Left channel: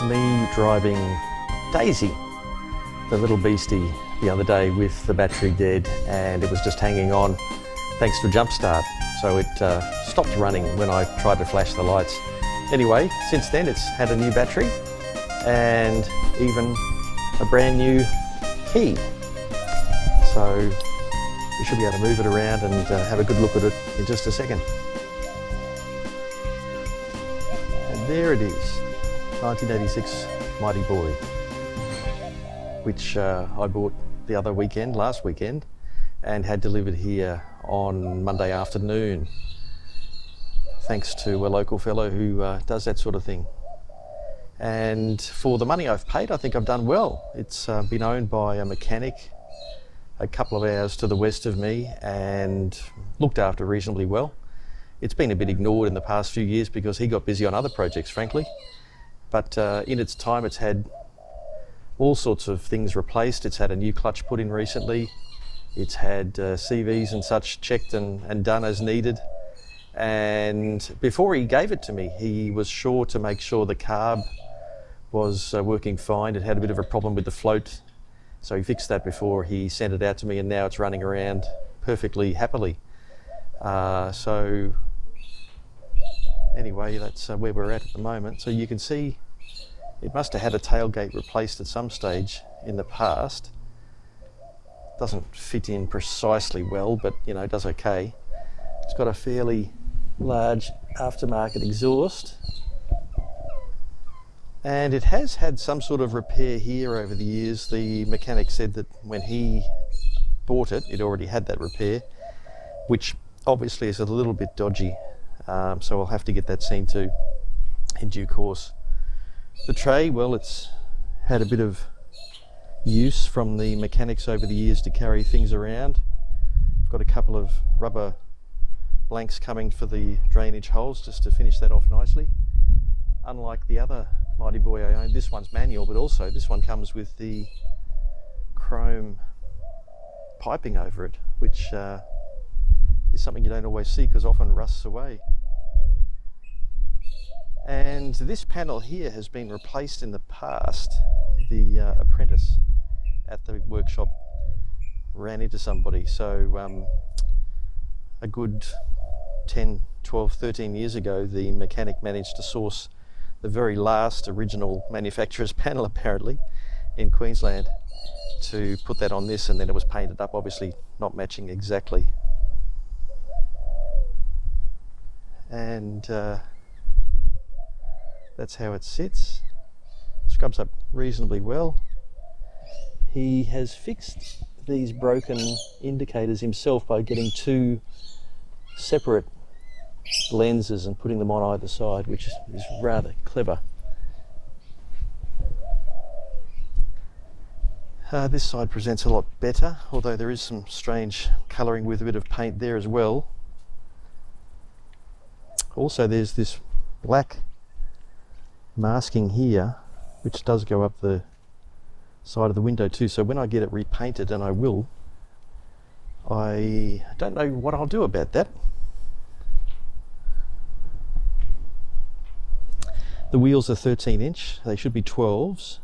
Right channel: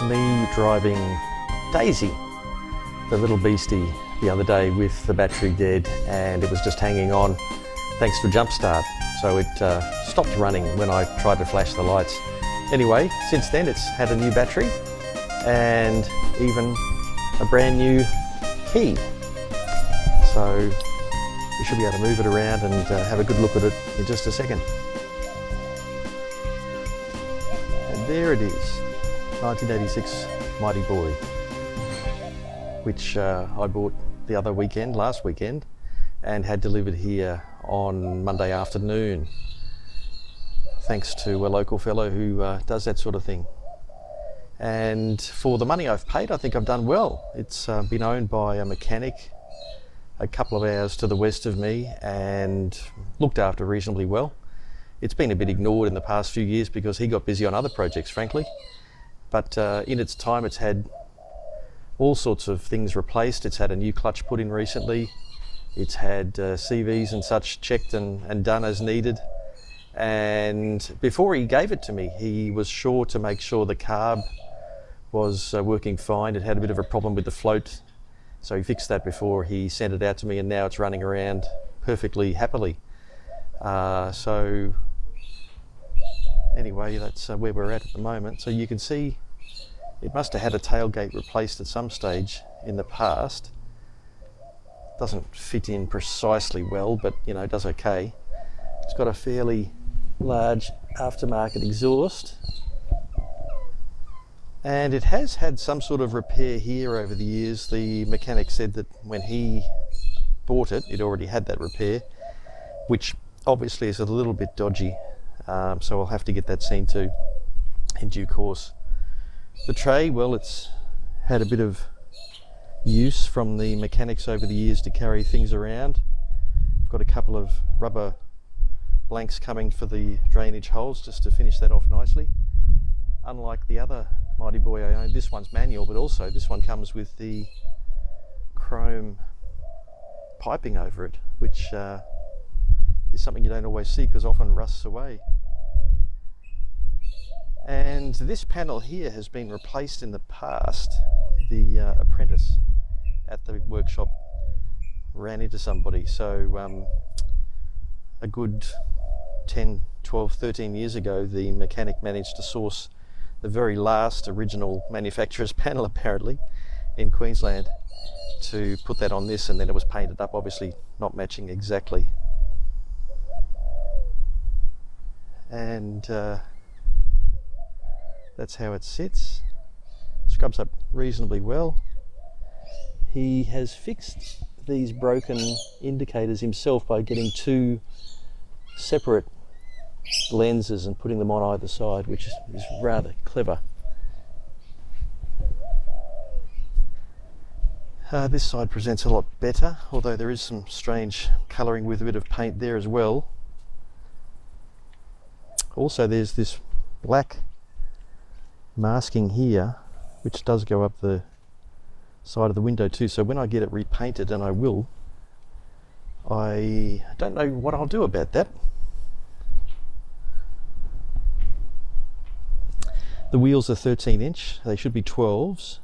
was me driving Daisy, the little beastie, the other day with the battery dead, and it was just hanging on thanks to a jump start. So it stopped running when I tried to flash the lights. Anyway, since then it's had a new battery and even a brand new key. So you should be able to move it around and have a good look at it in just a second. And there it is, 1986 Mighty Boy, which I bought the other weekend, last weekend, and had delivered here on Monday afternoon, thanks to a local fellow who does that sort of thing. And for the money I've paid, I think I've done well. It's been owned by a mechanic a couple of hours to the west of me and looked after reasonably well. It's been a bit ignored in the past few years because he got busy on other projects, frankly. But in its time, it's had all sorts of things replaced. It's had a new clutch put in recently. It's had CVs and such checked and done as needed. And before he gave it to me, he was sure to make sure the carb was working fine. It had a bit of a problem with the float, so he fixed that before he sent it out to me, and now it's running around perfectly happily. So anyway, that's where we're at the moment. So you can see it must have had a tailgate replaced at some stage in the past. Doesn't fit in precisely well, but you know, it does okay. It's got a fairly large aftermarket exhaust, and it has had some sort of repair here over the years. The mechanic said that when he bought it, it already had that repair, which obviously is a little bit dodgy, so I'll have to get that seen to in due course. The tray, well, it's had a bit of use from the mechanics over the years to carry things around. I've got a couple of rubber blanks coming for the drainage holes just to finish that off nicely. Unlike the other Mighty Boy I own, this one's manual, but also this one comes with the chrome piping over it, which is something you don't always see because often rusts away. And this panel here has been replaced in the past. The apprentice at the workshop ran into somebody, so a good 10, 12, 13 years ago the mechanic managed to source the very last original manufacturer's panel, apparently, in Queensland, to put that on this, and then it was painted up, obviously not matching exactly. And that's how it sits. Scrubs up reasonably well. He has fixed these broken indicators himself by getting two separate lenses and putting them on either side, which is rather clever. This side presents a lot better, although there is some strange colouring with a bit of paint there as well. Also, there's this black masking here, which does go up the side of the window too, so when I get it repainted, and I will, I don't know what I'll do about that. The wheels are 13 inch, they should be 12s,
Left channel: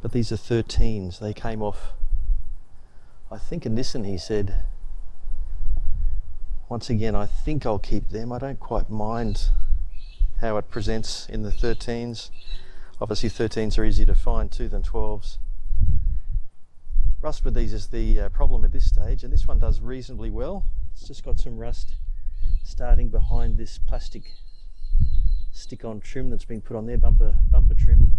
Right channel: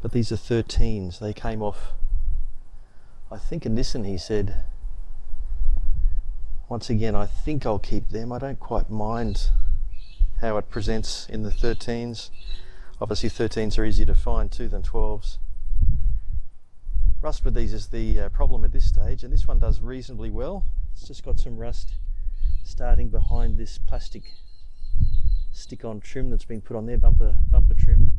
but these are 13s. They came off, I think, a Nissan, he said. Once again, I think I'll keep them. I don't quite mind how it presents in the 13s. Obviously 13s are easier to find too than 12s. Rust with these is the problem at this stage, and this one does reasonably well. It's just got some rust starting behind this plastic stick-on trim that's been put on there, bumper trim,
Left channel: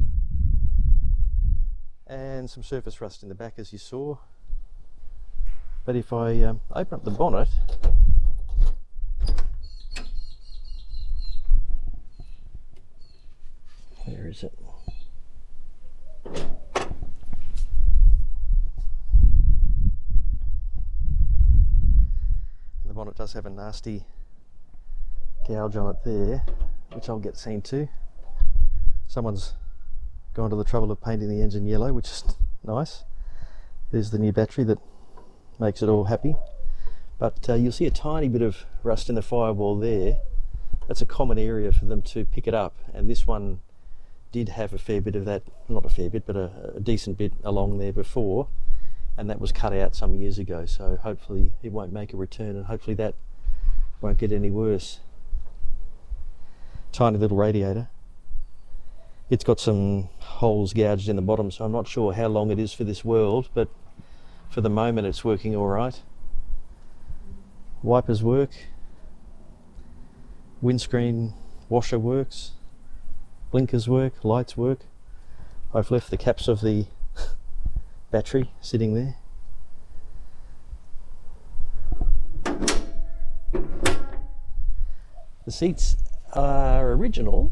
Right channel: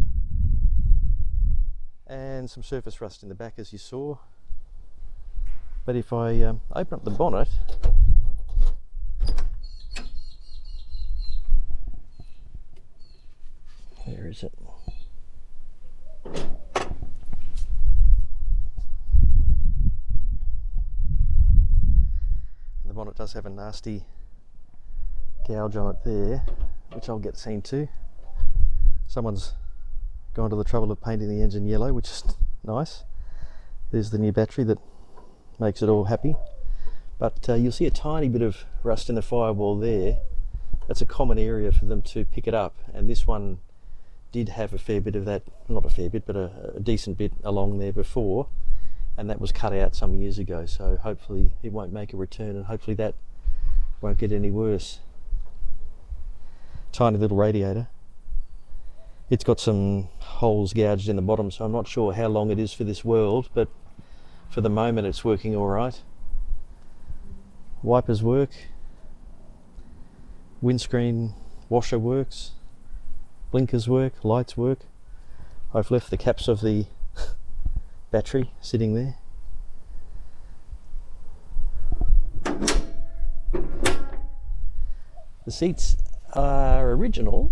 and some surface rust in the back, as you saw. But if I open up the bonnet, where is it? The bonnet does have a nasty gouge on it there, which I'll get seen to. Someone's gone to the trouble of painting the engine yellow, which is nice. There's the new battery that makes it all happy. But you'll see a tiny bit of rust in the firewall there. That's a common area for them to pick it up, and this one did have a fair bit of that, not a fair bit, but a decent bit along there before, and that was cut out some years ago, so hopefully it won't make a return, and hopefully that won't get any worse. Tiny little radiator. It's got some holes gouged in the bottom, so I'm not sure how long it is for this world, but for the moment it's working all right. Wipers work. Windscreen washer works. Blinkers work. Lights work. I've left the caps of the battery sitting there. The seats are original,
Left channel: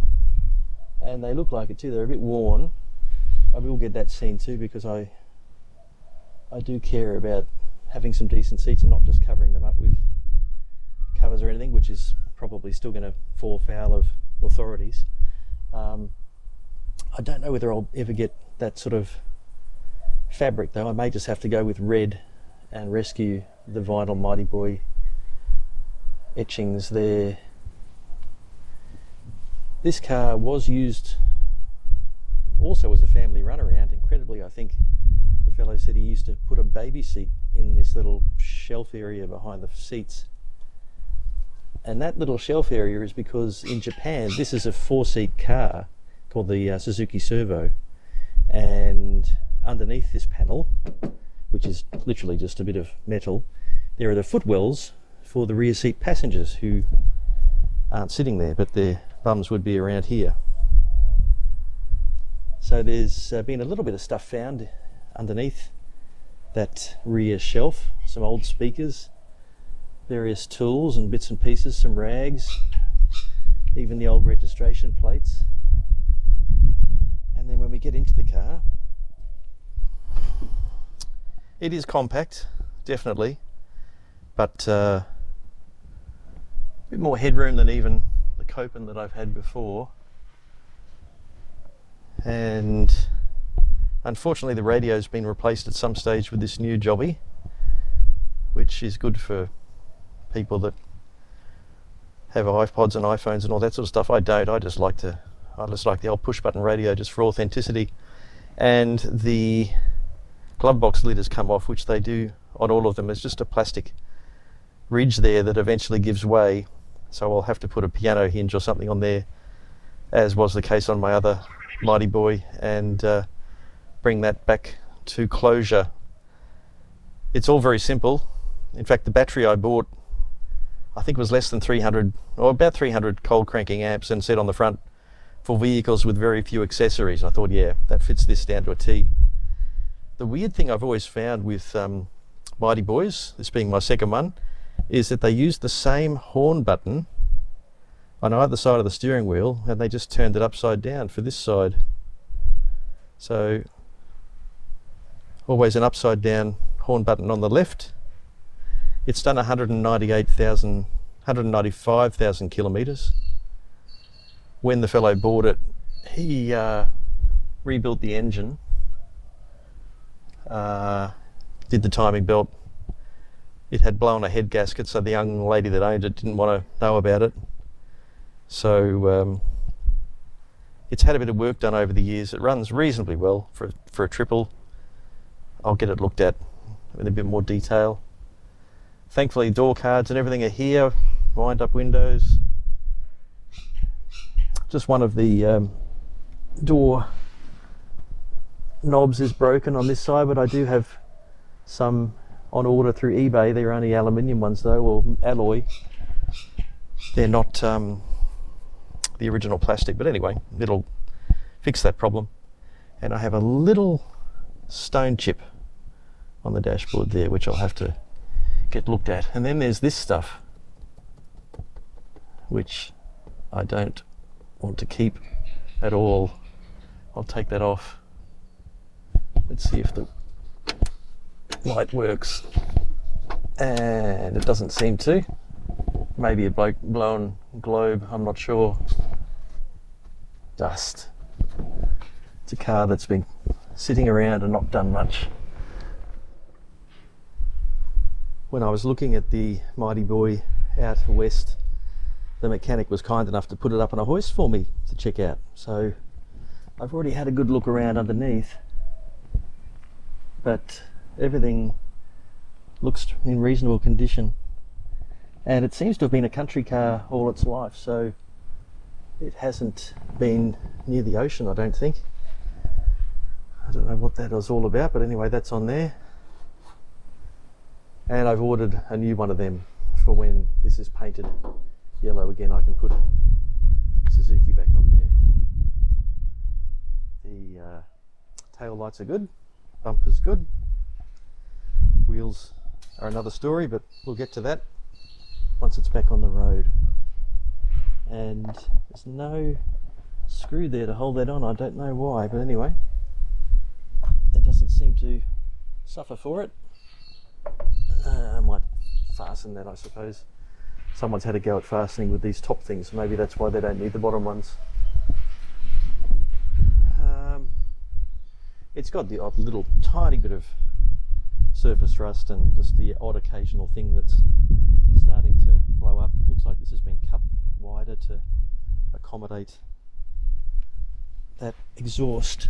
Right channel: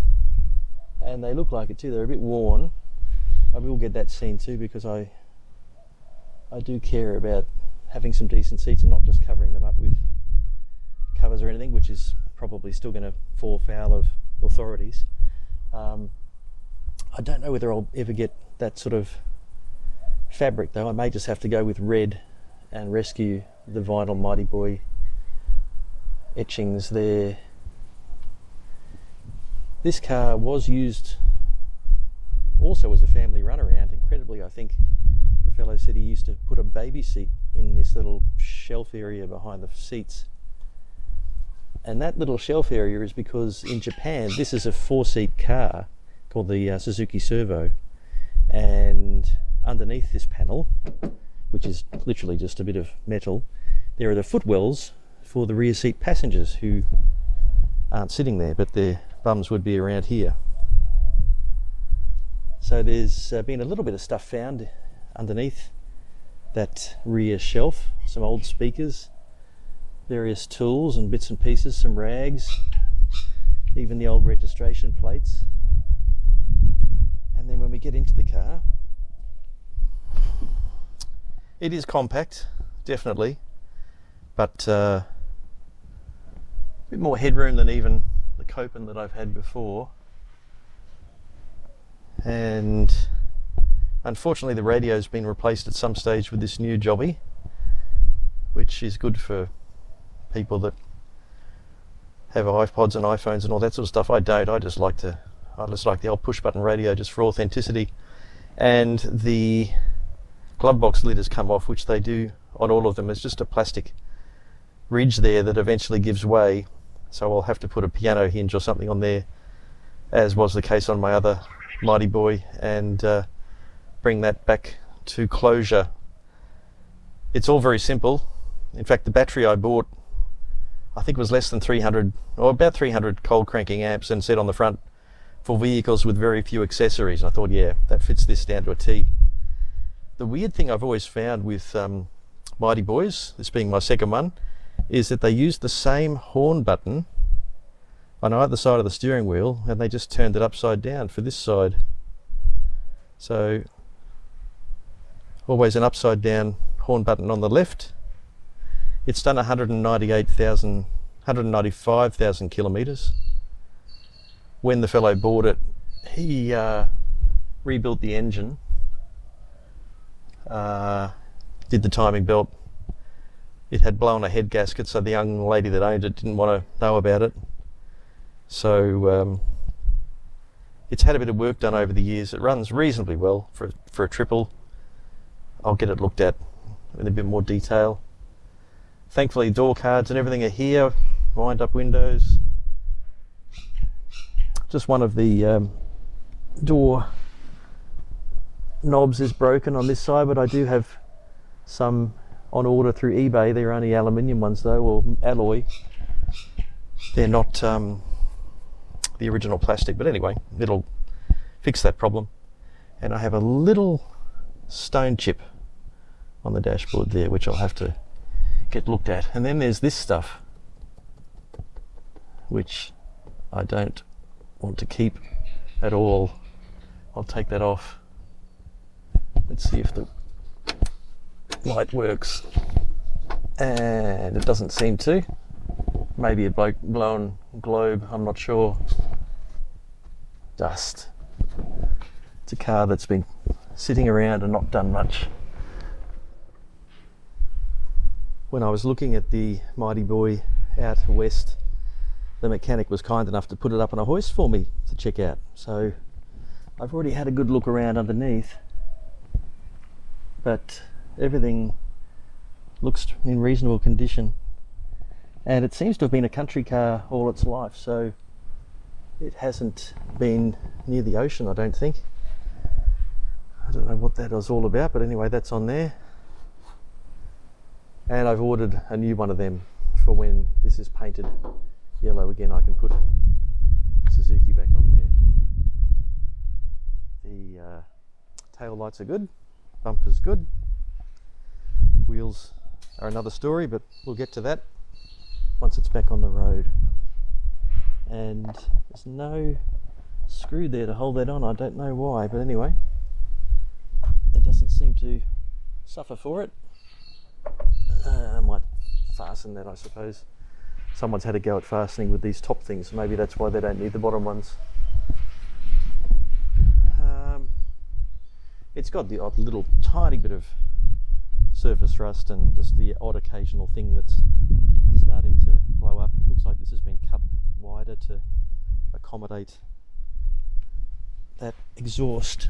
and they look like it too. They're a bit worn. I will get that seen too, because I do care about having some decent seats and not just covering them up with covers or anything, which is probably still going to fall foul of authorities. I don't know whether I'll ever get that sort of fabric though. I may just have to go with red and rescue the vinyl Mighty Boy etchings there. This car was used also as a family runaround. Incredibly, I think the fellow said he used to put a baby seat in this little shelf area behind the seats. And that little shelf area is because in Japan, this is a 4-seat car called the Suzuki Servo, and underneath this panel, which is literally just a bit of metal, there are the footwells for the rear seat passengers who aren't sitting there, but their bums would be around here. So there's been a little bit of stuff found underneath that rear shelf, some old speakers, various tools and bits and pieces, some rags, even the old registration plates. And then when we get into the car, it is compact, definitely, but a bit more headroom than even the Copen that I've had before. And unfortunately the radio's been replaced at some stage with this new jobby, which is good for people that have iPods and iPhones and all that sort of stuff. I don't. I just like the old push button radio just for authenticity. And the glove box lid has come off, which they do on all of them. It's just a plastic ridge there that eventually gives way, so I'll have to put a piano hinge or something on there, as was the case on my other Mighty Boy, and bring that back to closure. It's all very simple. In fact, the battery I bought, I think it was less than 300, or about 300 cold cranking amps, and said on the front, for vehicles with very few accessories. I thought, yeah, that fits this down to a T. The weird thing I've always found with Mighty Boys, this being my second one, is that they use the same horn button on either side of the steering wheel, and they just turned it upside down for this side. So always an upside down horn button on the left. It's done 195,000 kilometers. When the fellow bought it, he rebuilt the engine, did the timing belt. It had blown a head gasket, so the young lady that owned it didn't want to know about it. So it's had a bit of work done over the years. It runs reasonably well for a triple. I'll get it looked at in a bit more detail. Thankfully, door cards and everything are here. Wind up windows. Just one of the door knobs is broken on this side, but I do have some on order through eBay. They're only aluminium ones though, or alloy. They're not the original plastic, but anyway, it'll fix that problem. And I have a little stone chip on the dashboard there, which I'll have to get looked at. And then there's this stuff, which I don't want to keep at all. I'll take that off. Let's see if the light works. And it doesn't seem to. Maybe a blown globe, I'm not sure. Dust. It's a car that's been sitting around and not done much. When I was looking at the Mighty Boy out west, the mechanic was kind enough to put it up on a hoist for me to check out. So I've already had a good look around underneath, but everything looks in reasonable condition, and it seems to have been a country car all its life, so it hasn't been near the ocean, I don't think. I don't know what that was all about, but anyway, that's on there. And I've ordered a new one of them for when this is painted yellow again. I can put Suzuki back on there. The tail lights are good, bumper's good, wheels are another story, but we'll get to that once it's back on the road. And there's no screw there to hold that on. I don't know why, but anyway, it doesn't seem to suffer for it. I might fasten that, I suppose. Someone's had a go at fastening with these top things, maybe that's why they don't need the bottom ones. It's got the odd little tiny bit of surface rust and just the odd occasional thing that's starting to blow up. Looks like this has been cut wider to accommodate that exhaust.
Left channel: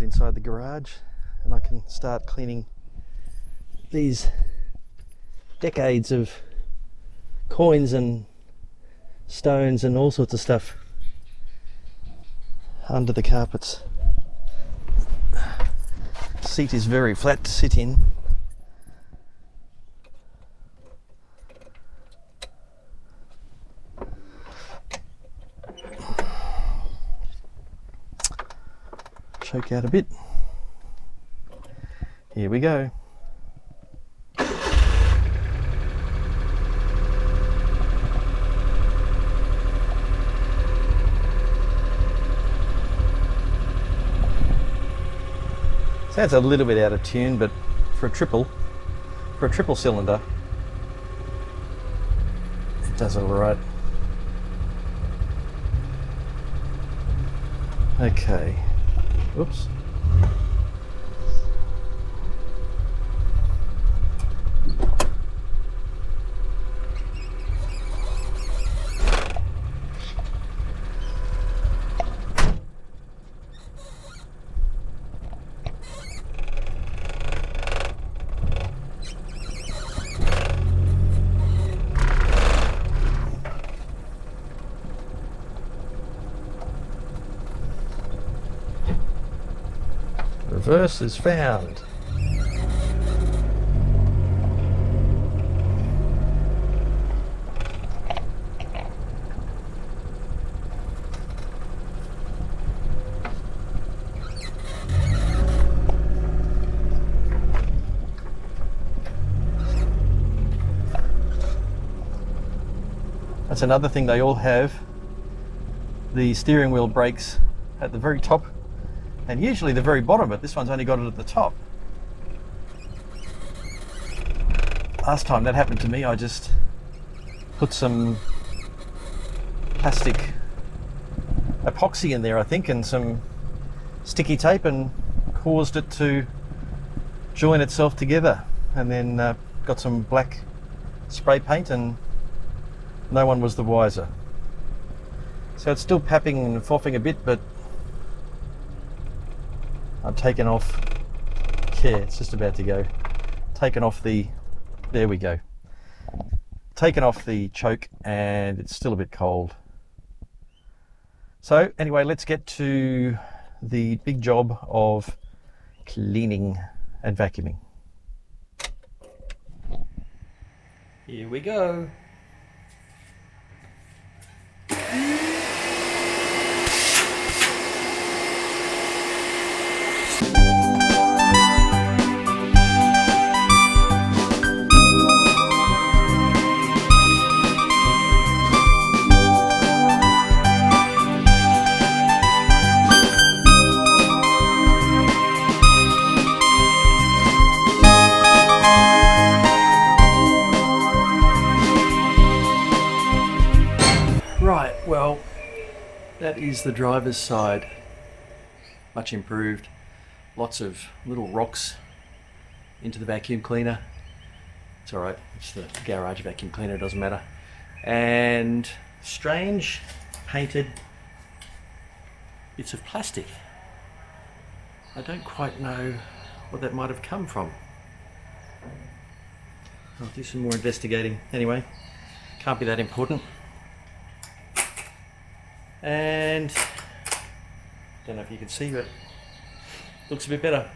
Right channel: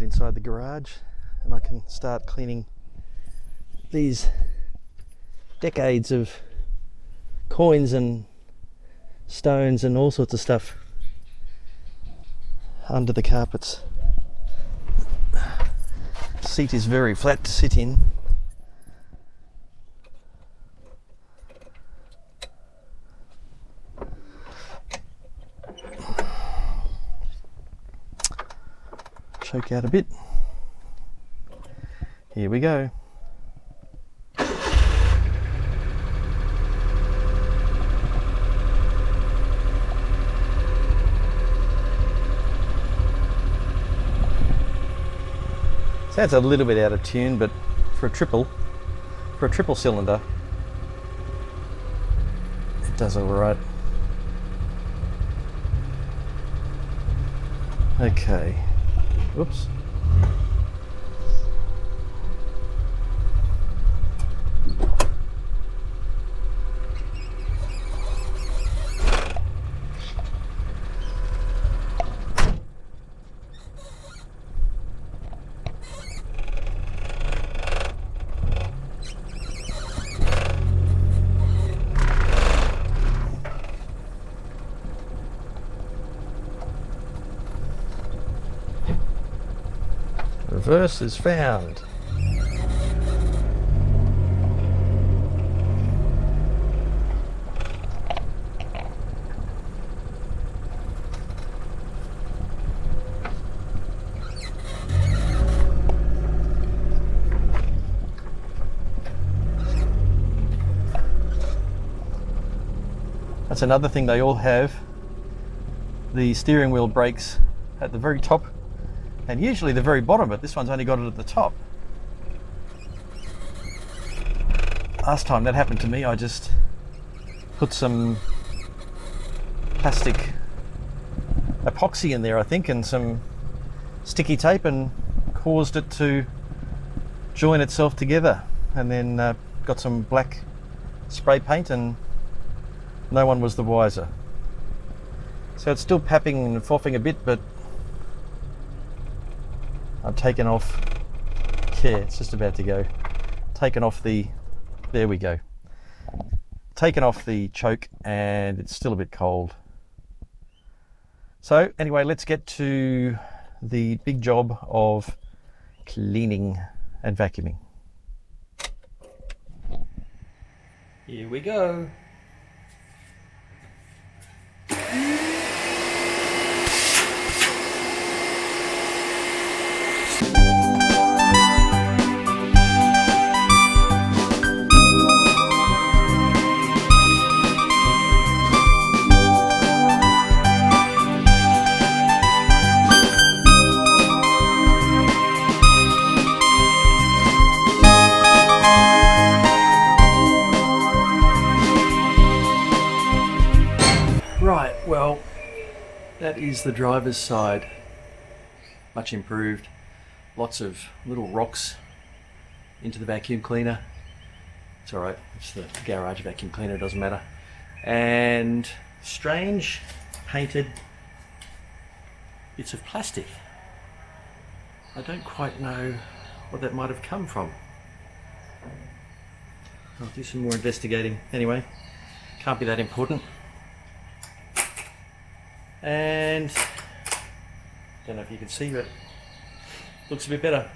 Inside the garage, and I can start cleaning these decades of coins and stones and all sorts of stuff under the carpets. Seat is very flat to sit in. Choke out a bit. Here we go. Sounds a little bit out of tune, but for a triple cylinder, it does all right. Okay. Oops. Reverse is found. That's another thing they all have. The steering wheel brakes at the very top and usually the very bottom, but this one's only got it at the top. Last time that happened to me, I just put some plastic epoxy in there, I think, and some sticky tape, and caused it to join itself together, and then got some black spray paint, and no one was the wiser. So it's still papping and frothing a bit, but I've taken off, yeah, it's just about to go, taken off the, there we go, taken off the choke, and it's still a bit cold. So anyway, let's get to the big job of cleaning and vacuuming. Here we go. That is the driver's side. Much improved. Lots of little rocks into the vacuum cleaner. It's alright, it's the garage vacuum cleaner, it doesn't matter. And strange painted bits of plastic. I don't quite know what that might have come from. I'll do some more investigating. Anyway, can't be that important. And don't know if you can see, but looks a bit better.